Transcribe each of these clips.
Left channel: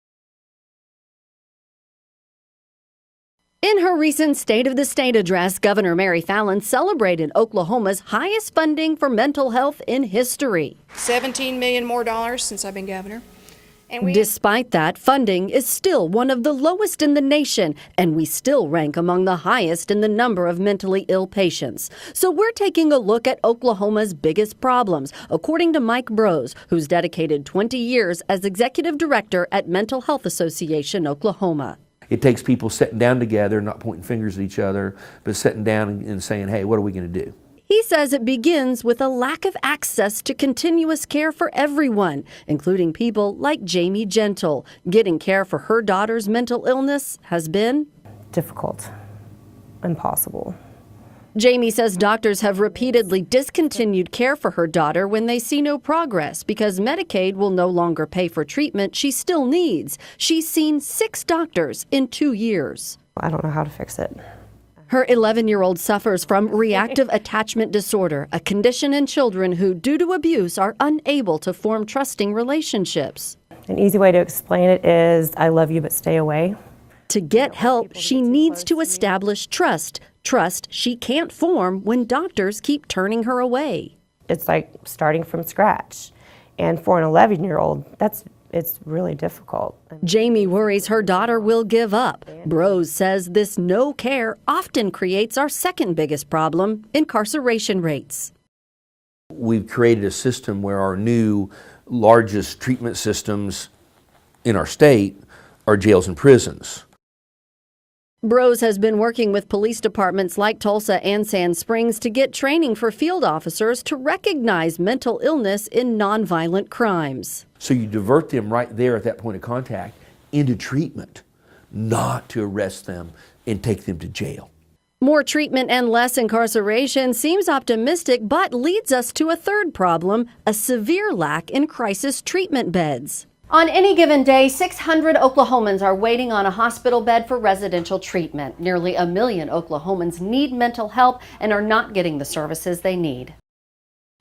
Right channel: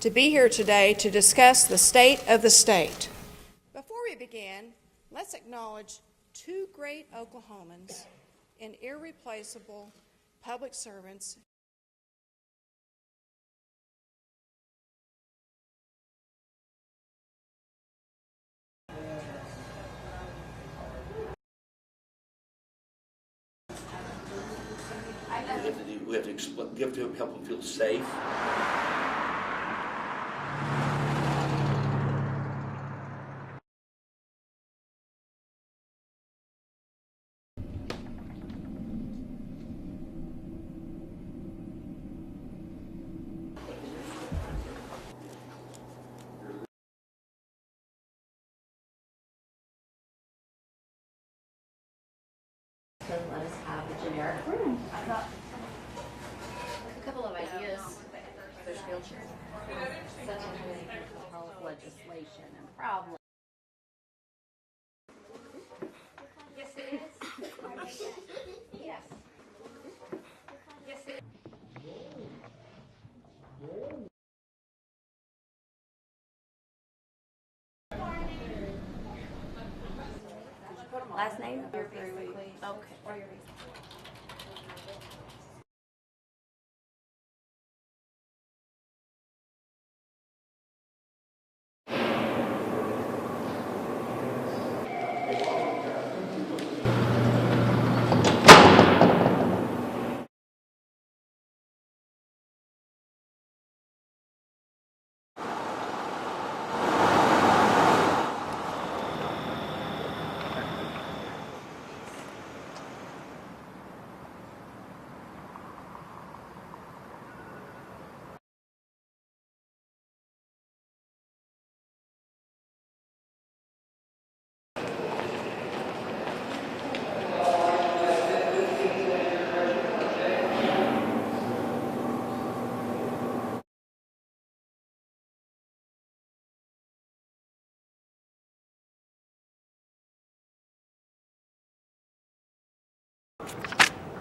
to be here today to discuss the state of the state. In her recent State of the State address, Governor Mary Fallin celebrated Oklahoma's highest funding for mental health in history. $17 million more since I've been governor. And Despite that, funding is still one of the lowest in the nation, and we still rank among the highest in the number of mentally ill patients. So we're taking a look at Oklahoma's biggest problems, according to Mike Brose, who's dedicated 20 years as executive director at Mental Health Association Oklahoma. It takes people sitting down together, not pointing fingers at each other, but sitting down and saying, hey, what are we going to do? He says it begins with a lack of access to continuous care for everyone, including people like Jamie Gentle. Getting care for her daughter's mental illness has been difficult, impossible. Jamie says doctors have repeatedly discontinued care for her daughter when they see no progress because Medicaid will no longer pay for treatment she still needs. She's seen 6 doctors in 2 years. I don't know how to fix it. Her 11-year-old suffers from reactive attachment disorder, a condition in children who, due to abuse, are unable to form trusting relationships. An easy way to explain it is, I love you, but stay away. To get help, she needs to establish trust. Trust she can't form when doctors keep turning her away. It's like starting from scratch. And for an 11-year-old, it's really difficult. Jamie worries her daughter will give up. Brose says this no care often creates our second biggest problem, incarceration rates. We've created a system where our new largest treatment systems in our state are jails and prisons. Brose has been working with police departments like Tulsa and Sand Springs to get training for field officers to recognize mental illness in nonviolent crimes. So you divert them right there at that point of contact into treatment, not to arrest them and take them to jail. More treatment and less incarceration seems optimistic, but leads us to a third problem, a severe lack in crisis treatment beds. On any given day, 600 Oklahomans are waiting on a hospital bed for residential treatment. Nearly 1 million Oklahomans need mental help and are not getting the services they need.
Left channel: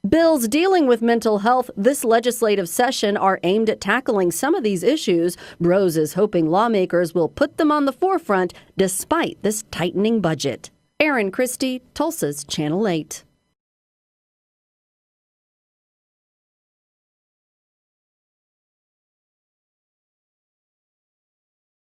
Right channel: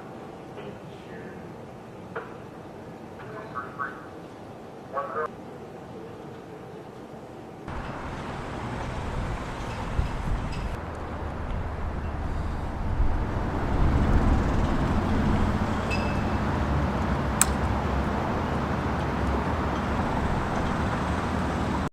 Bills dealing with mental health this legislative session are aimed at tackling some of these issues. Brose is hoping lawmakers will put them on the forefront despite this tightening budget. Erin Christie, Tulsa's Channel 8.